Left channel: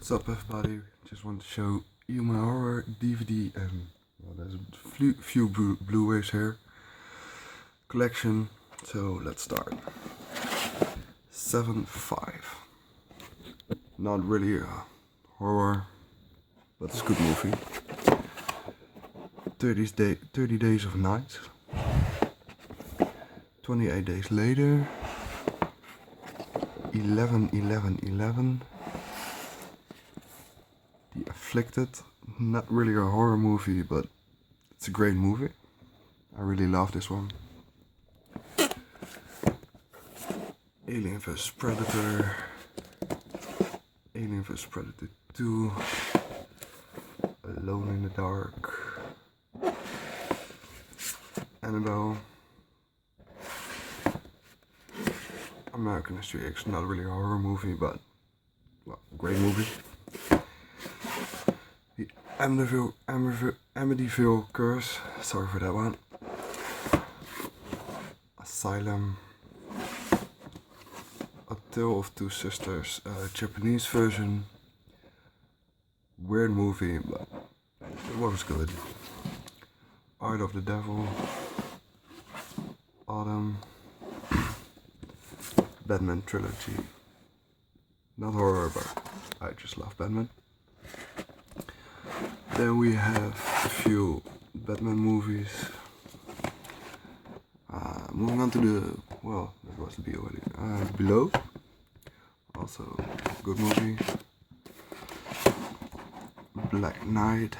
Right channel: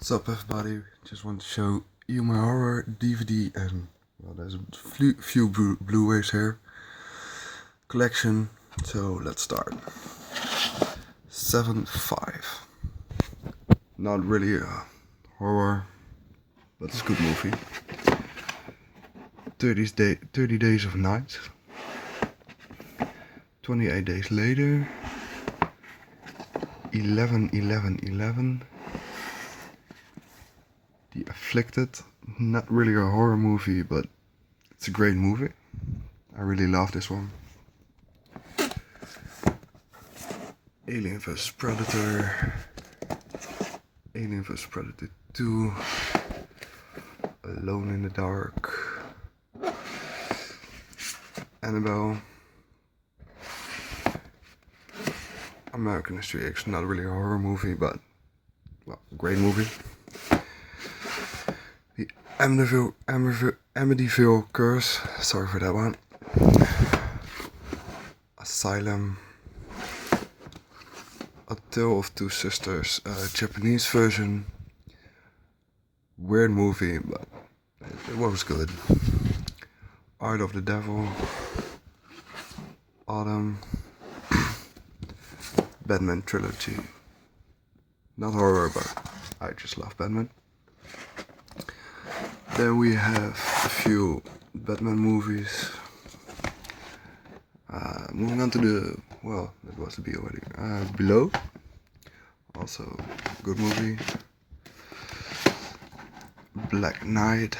What's up, everybody? Just want to show you my horror DVD and, well, there's a few Blu-rays here. Collection, so let's start. 7-5. Not really a horror, but it's a good movie. 30 Days of Night. 28 Days Later. 11-11-11. The Afflicted, not really a horror movie, but it's a great movie. I really love this one. Alien vs Predator, Alien vs Predator 2, Alone in the Dark, Annabelle, American History X, not really a horror movie, but, well, great movie. The Amityville Curse, sorry for that one. Asylum. A Tale of Two Sisters, Japanese version. Weird movie, but it was good. Art of the Devil. Autumn. Batman trilogy. Not horror, but I just love Batman. Then we have a few Batman movies. Moving on to the, well, that was the B already. Below, also good movie. Black Knight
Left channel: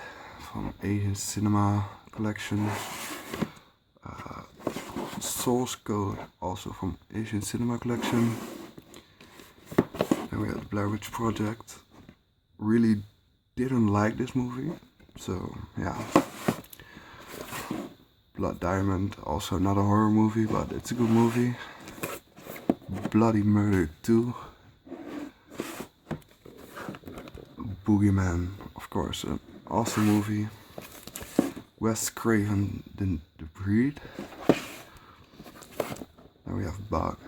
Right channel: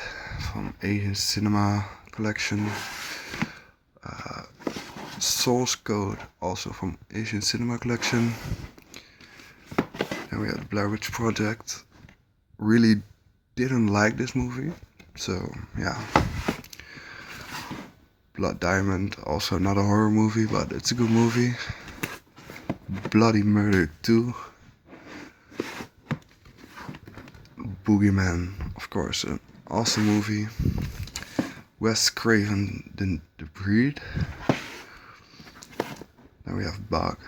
from Asian Cinema Collection. Source Code, also from Asian Cinema Collection. Then we have the Blair Witch Project. Really didn't like this movie, so yeah. Blood Diamond, also not a horror movie, but it's a good movie. Bloody Murder 2. Boogeyman, of course, an awesome movie. Wes Craven, The Breed. Then we have Bug.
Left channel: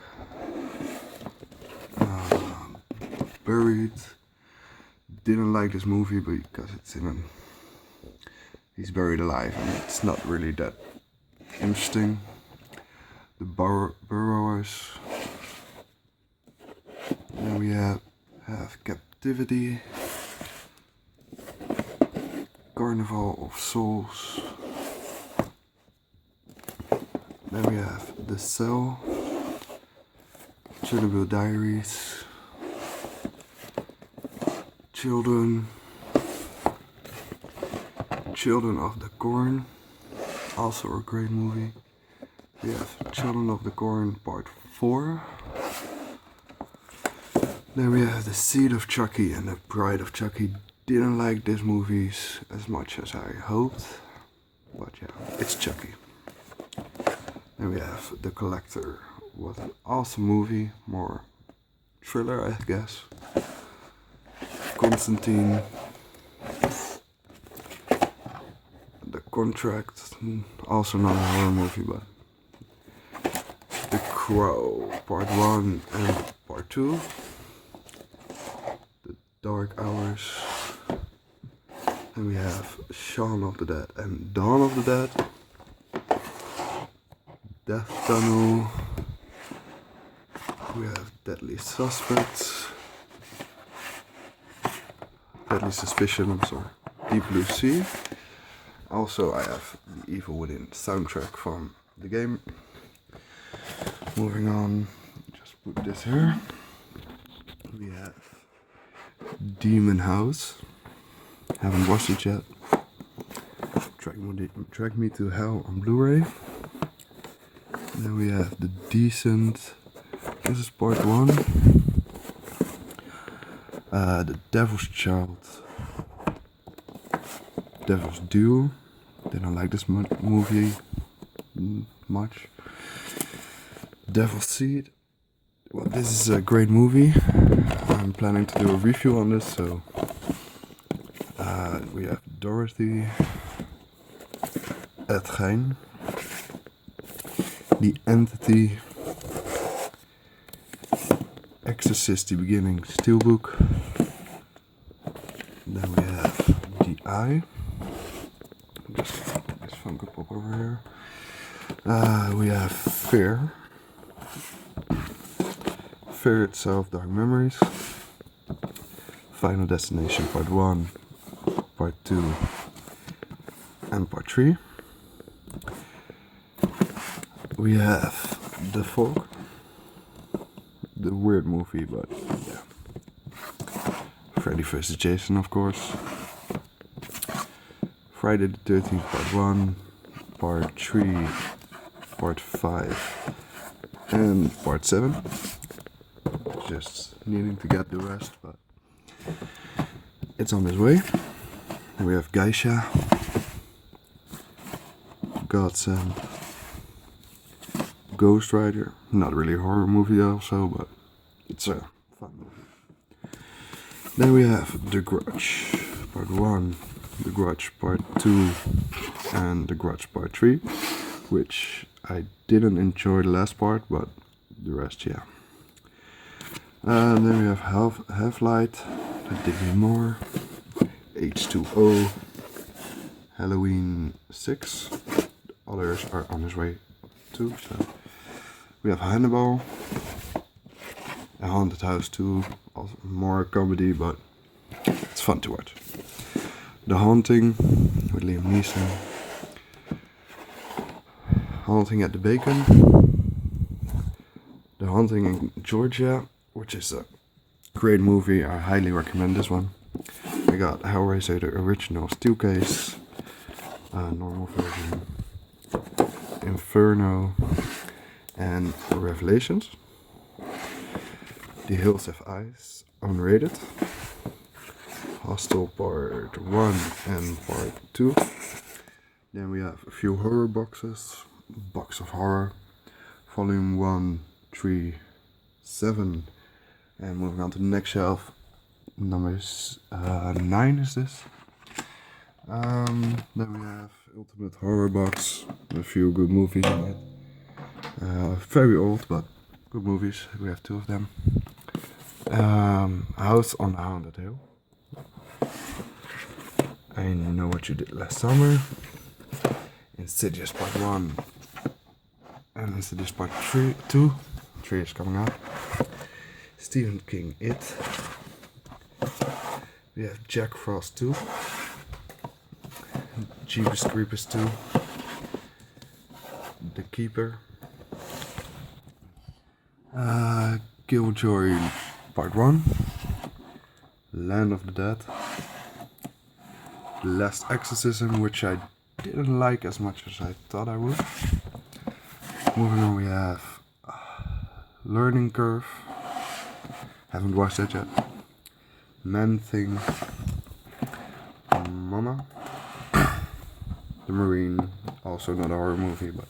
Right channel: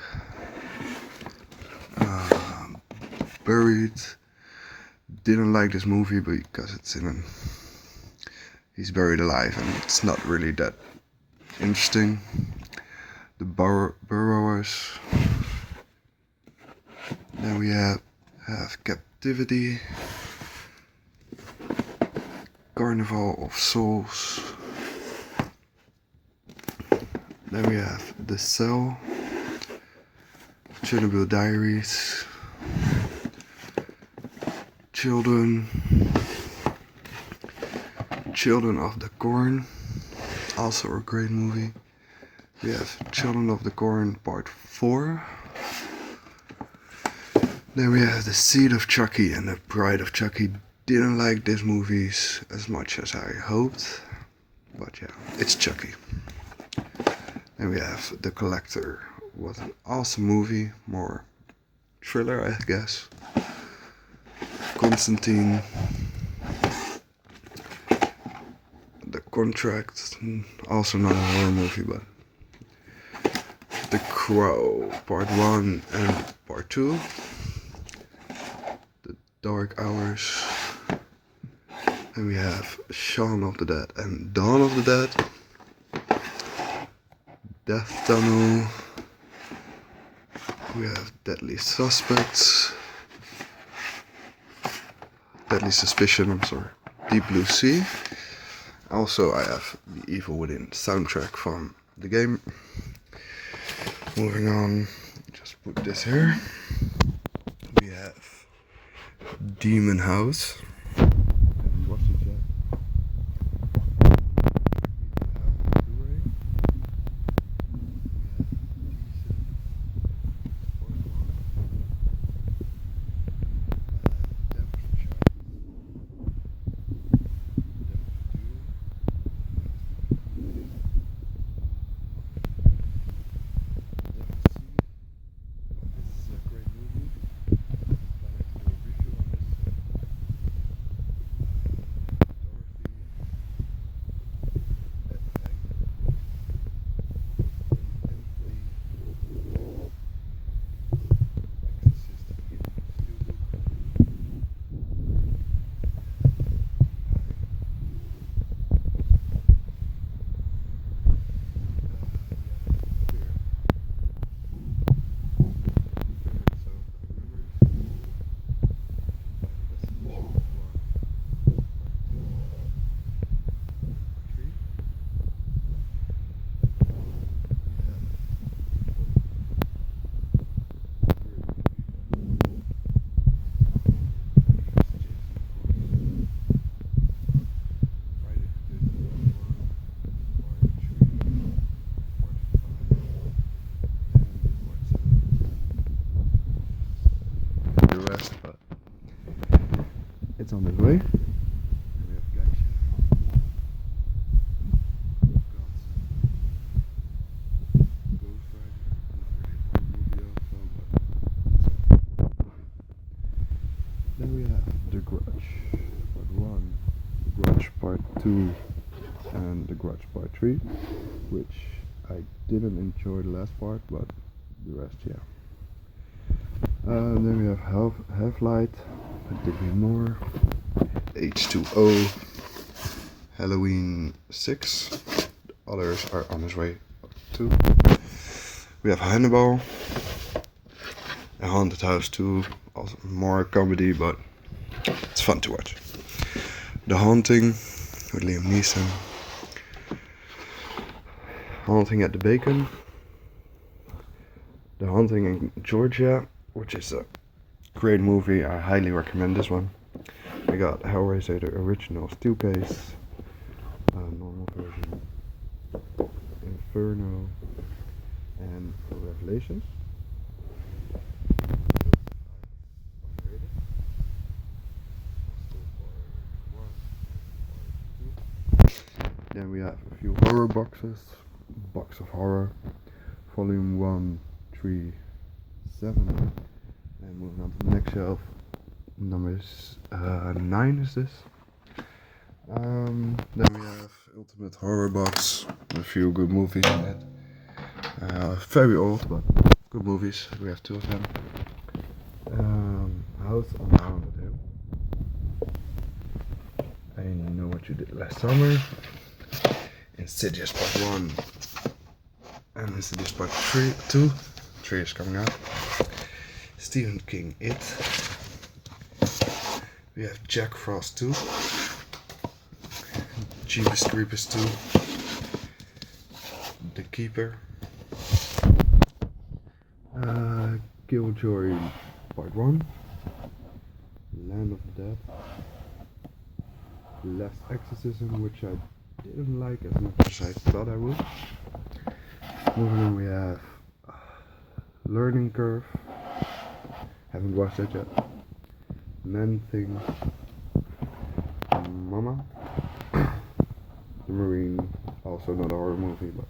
Buried. Didn't like this movie because it's he's buried alive and it's not really that interesting. The Burrowers. Then we have Captivity. Carnival of Souls. Then we have The Cell. Chernobyl Diaries. Children of the Corn, also a great movie. We have Children of the Corn Part 4. Then we have The Seed of Chucky and The Bride of Chucky. Didn't like these movies as much as I hoped, but yeah, it's Chucky. Then we have The Collector. What an awesome movie, more thriller I guess. Constantine. The Contract, also not a horror movie, but The Crow, Part 1 and Part 2. The Dark Hours. And we have Shaun of the Dead and Dawn of the Dead. Death Tunnel. We have Deadly Suspects. Deadly Suspicion, I'm sorry. Deep Blue Sea. Also, I have the Evil Within soundtrack from the game. Moving on, just put this here. We have Demon House. Haven't watched it yet. When they Drag Me to Hell on Blu-ray. Then we have The Descent. This is Part 1. The Devil's Child. Devil's Duel. Didn't like this movie much. Devil's Seed. Well, this is a great movie. I'm planning to do a review on this, so we have Dorothy, Het Gein, The Entity, Exorcist, The Beginning, Steelbook, Eye. This Funko Pop over here. We have Fear. Fear itself, Dark Memories. Final Destination Part 1, Part 2, and Part 3. We have The Fog. The weird movie, but yeah. Freddy vs. Jason, of course. Friday the 13th, Part 1, Part 3, Part 5, and Part 7. Just needing to get the rest, but it's on its way. And we have Geisha, Godsend, Ghost Rider. Not really a horror movie also, but it's a fun movie. Then we have The Grudge Part 1, The Grudge Part 2, and The Grudge Part 3, which I didn't enjoy the last part, but the rest, yeah. And then we have Half-Light, that did me more. H2O, Halloween 6. The others are on his way too. So. We have Hannibal, A Haunted House 2, also more comedy, but it's fun to watch. The Haunting with Liam Neeson. Haunting at the Bacon. The Haunting in Georgia, which is a great movie. I highly recommend this one. We got Hellraiser, the original steel case, normal version, Inferno, and Revelations. The Hills Have Eyes, unrated. Hostel Part 1 and Part 2. Then we have a few horror boxes. Box of Horror, Volume 1, 3, 7. And moving on to the next shelf. Number 9 is this. Then we have Ultimate Horror Box, a few good movies in it. Very old, but good movies. We have 2 of them. House on Haunted Hill. I Know What You Did Last Summer. Insidious Part 1 and Insidious Part 2. 3 is coming out. Stephen King, It. We have Jack Frost 2. Jeepers Creepers 2. The Keeper. Killjoy Part 1. Land of the Dead. Last Exorcism, which I didn't like as much as I thought I would. Moving on, we have Learning Curve. Haven't watched that yet. Man Thing. Mama. The Marine. Also not a horror movie, but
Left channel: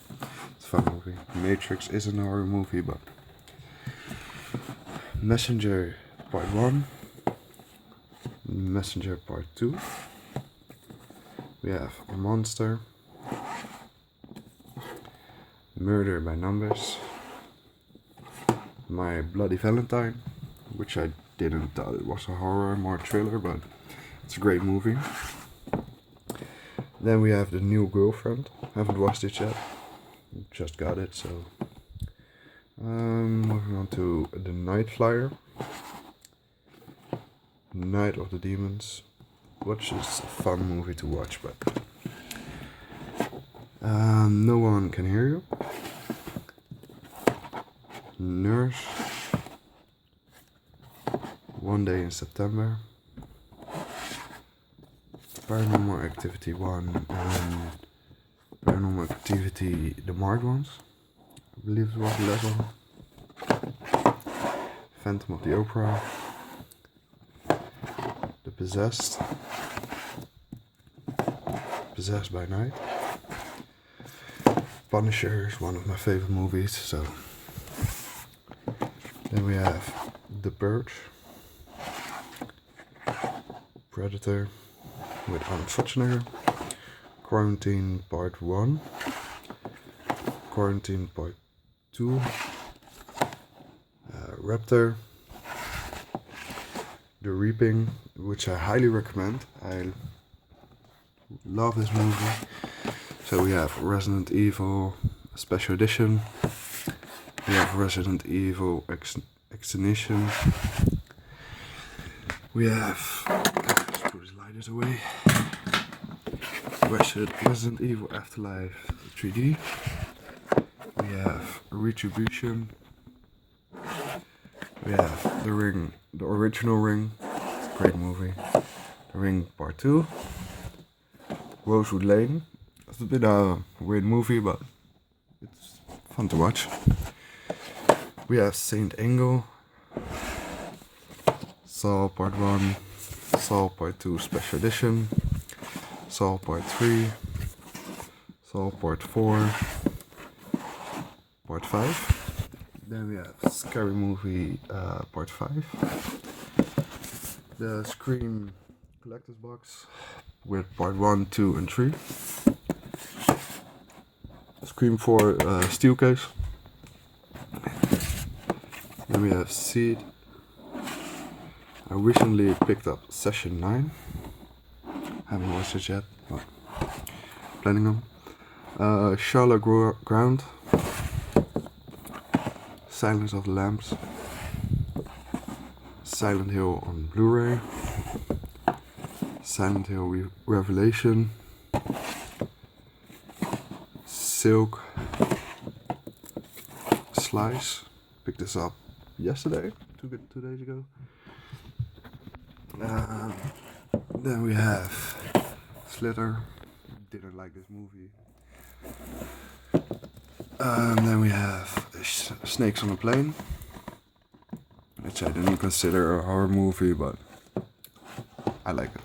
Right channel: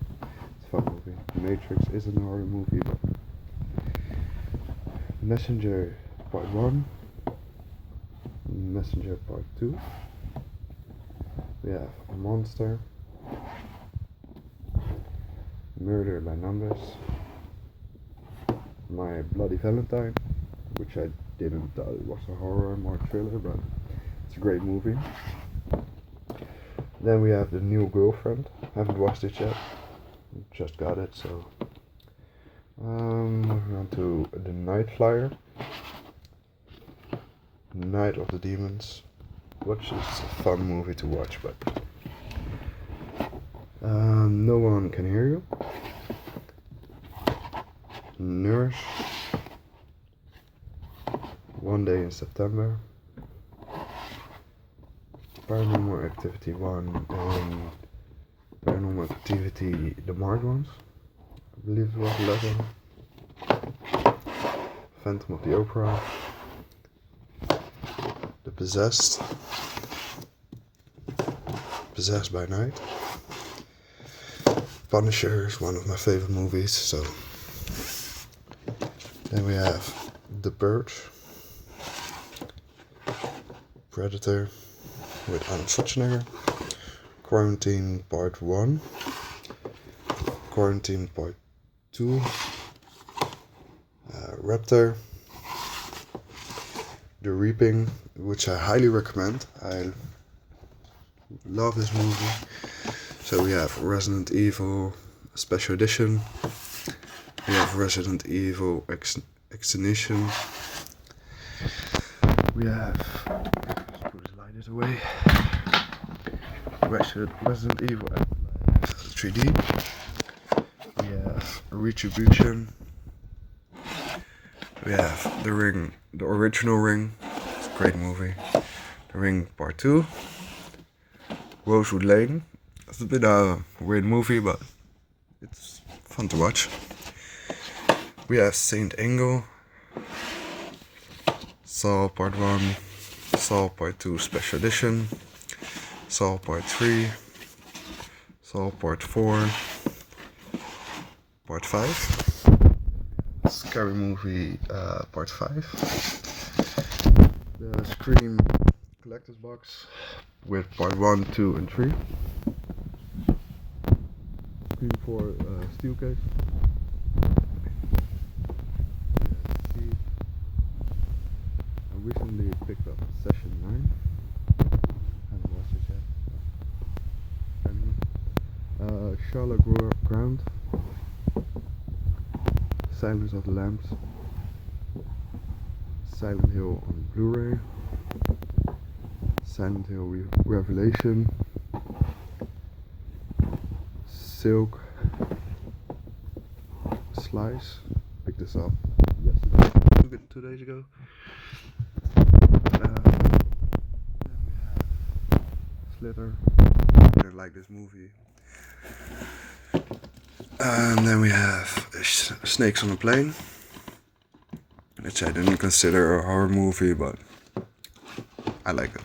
it's a fun movie. Matrix isn't a horror movie, but Messenger Part 1. Messenger Part 2. We have A Monster. Murder by Numbers. My Bloody Valentine, which I didn't thought it was a horror, more thriller, but it's a great movie. Then we have The New Girlfriend. Haven't watched it yet. Just got it, so. Moving on to The Night Flyer. Night of the Demons, which is a fun movie to watch, but No One Can Hear You. Nurse. One Day in September. Paranormal Activity 1 and Paranormal Activity The Marked Ones. I believe it was the last one. Phantom of the Opera. The Possessed. Possessed by Night. Punisher is one of my favorite movies, so. Then we have The Purge. Predator with Arnold Schwarzenegger. Quarantine Part 1. Quarantine Part 2. Raptor. The Reaping, which I highly recommend. I love this movie. So we have Resident Evil Special Edition. We have Resident Evil Extinction. We have, let's put his lighters away. Resident Evil Afterlife 3D. We have Retribution. We have The Ring, the original Ring. It's a great movie. The Ring Part 2. Rosewood Lane. It's a bit a weird movie, but it's fun to watch. We have Saint Angle. Saw Part 1. Saw Part 2 Special Edition. Saw Part 3. Saw Part 4. Part 5. Then we have Scary Movie Part 5. The Scream Collector's Box with Part 1, 2 and 3. Scream 4 steel case. Then we have Seed. I recently picked up Session 9. Haven't watched it yet, but planning on. Charlotte Ground. Silence of the Lambs. Silent Hill on Blu-ray. Silent Hill Revelation. Silk. Slice. Picked this up yesterday, 2 days ago. Then we have Slither. Didn't like this movie. And then we have Snakes on a Plane, which I didn't consider a horror movie, but I like it.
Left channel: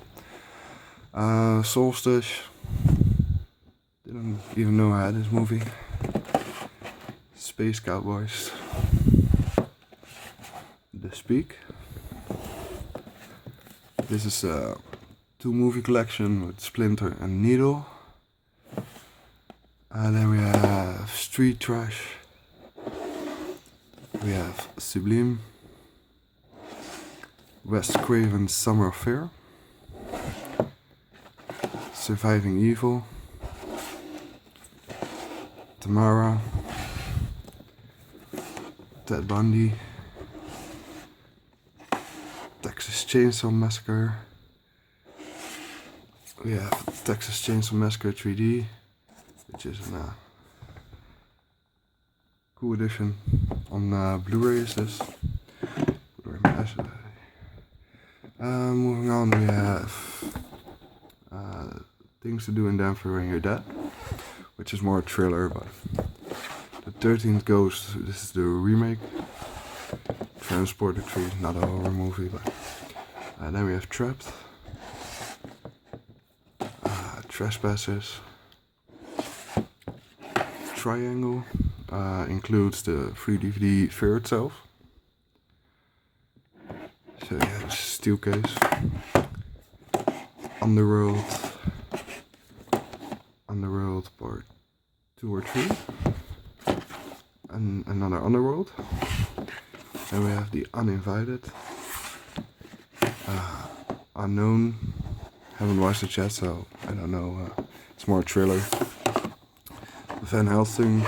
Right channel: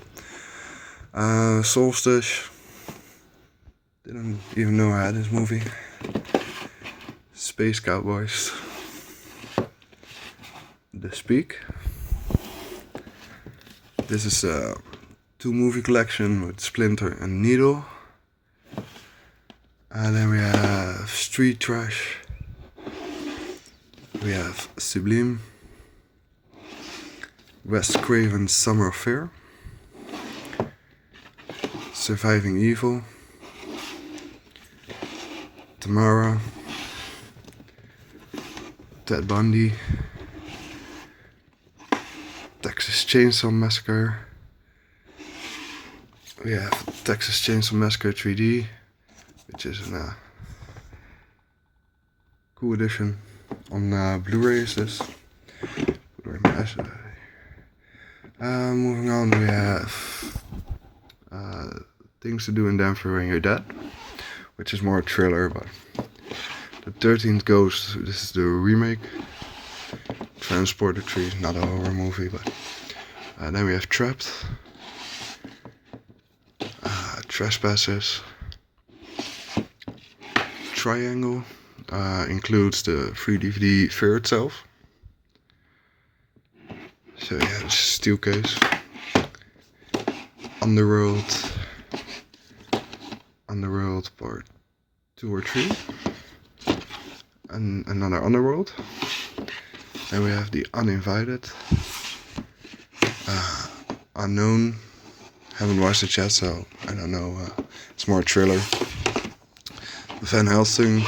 Solstice. Didn't even know I had this movie. Space Cowboys. The Speak. This is a 2-movie collection with Splinter and Needle. And then we have Street Trash. We have Sublime. Wes Craven's Summer of Fear. Surviving Evil. Tamara. Ted Bundy. Texas Chainsaw Massacre. We have Texas Chainsaw Massacre 3D, which is a cool edition. On Blu-ray is this. Moving on, we have Things to Do in Denver When You're Dead, which is more a thriller, but The 13th Ghost, this is the remake. Transporter 3 is not a horror movie, but then we have Trapped. Trespassers. Triangle includes the 3 DVD Fear itself. So yeah, this is steel case. Underworld Part 2 or 3. And another Underworld. Then we have The Uninvited. Unknown. Haven't watched it yet, so I don't know. It's more a thriller. Van Helsing.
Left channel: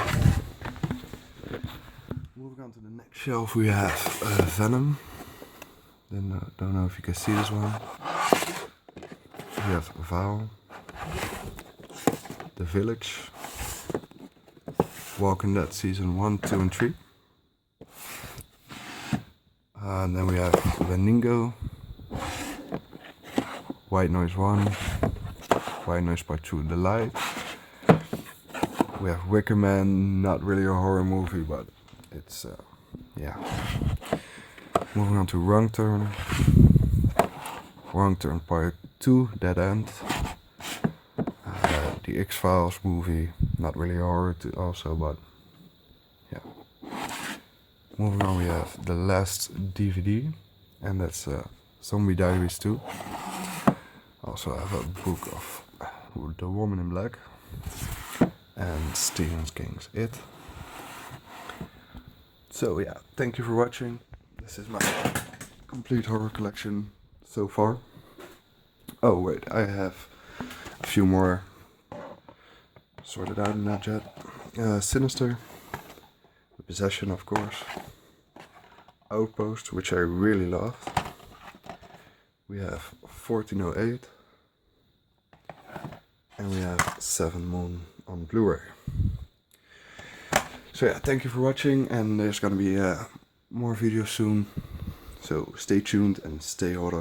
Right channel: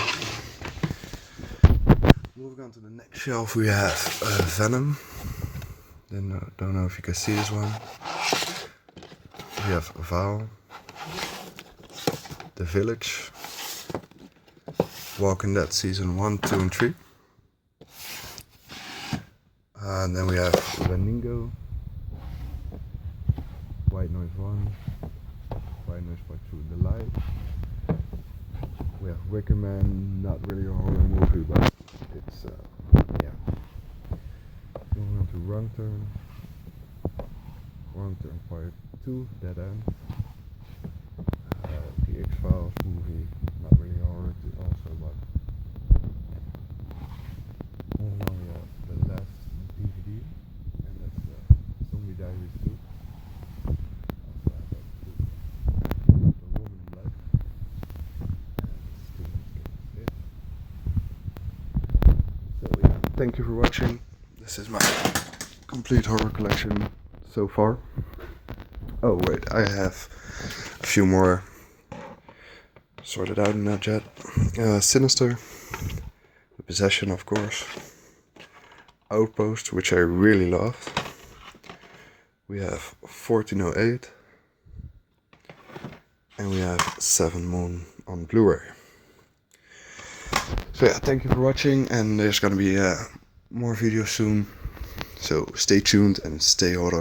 Moving on to the next shelf, we have Venom. Then don't know if you can see this one. We have Val. The Village. Walking Dead Season 1, 2 and 3. And then we have Leningo. White Noise 1. White Noise Part 2, The Light. We have Wicker Man, not really a horror movie, but it's, yeah. Moving on to Wrong Turn. Wrong Turn Part 2, Dead End. The X-Files movie, not really horror also, but yeah. Moving on, we have the last DVD, and that's Zombie Diaries 2. Also have a book of The Woman in Black and Stephen King's It. So yeah, thank you for watching. This is my complete horror collection so far. Oh wait, I have A few more sorted out in that jet. Sinister, The Possession, of course. Outpost, which I really love. We have 1408. And we have 7 Moon on Blu-ray. So yeah, thank you for watching, and there's gonna be more videos soon. So stay tuned and stay horror.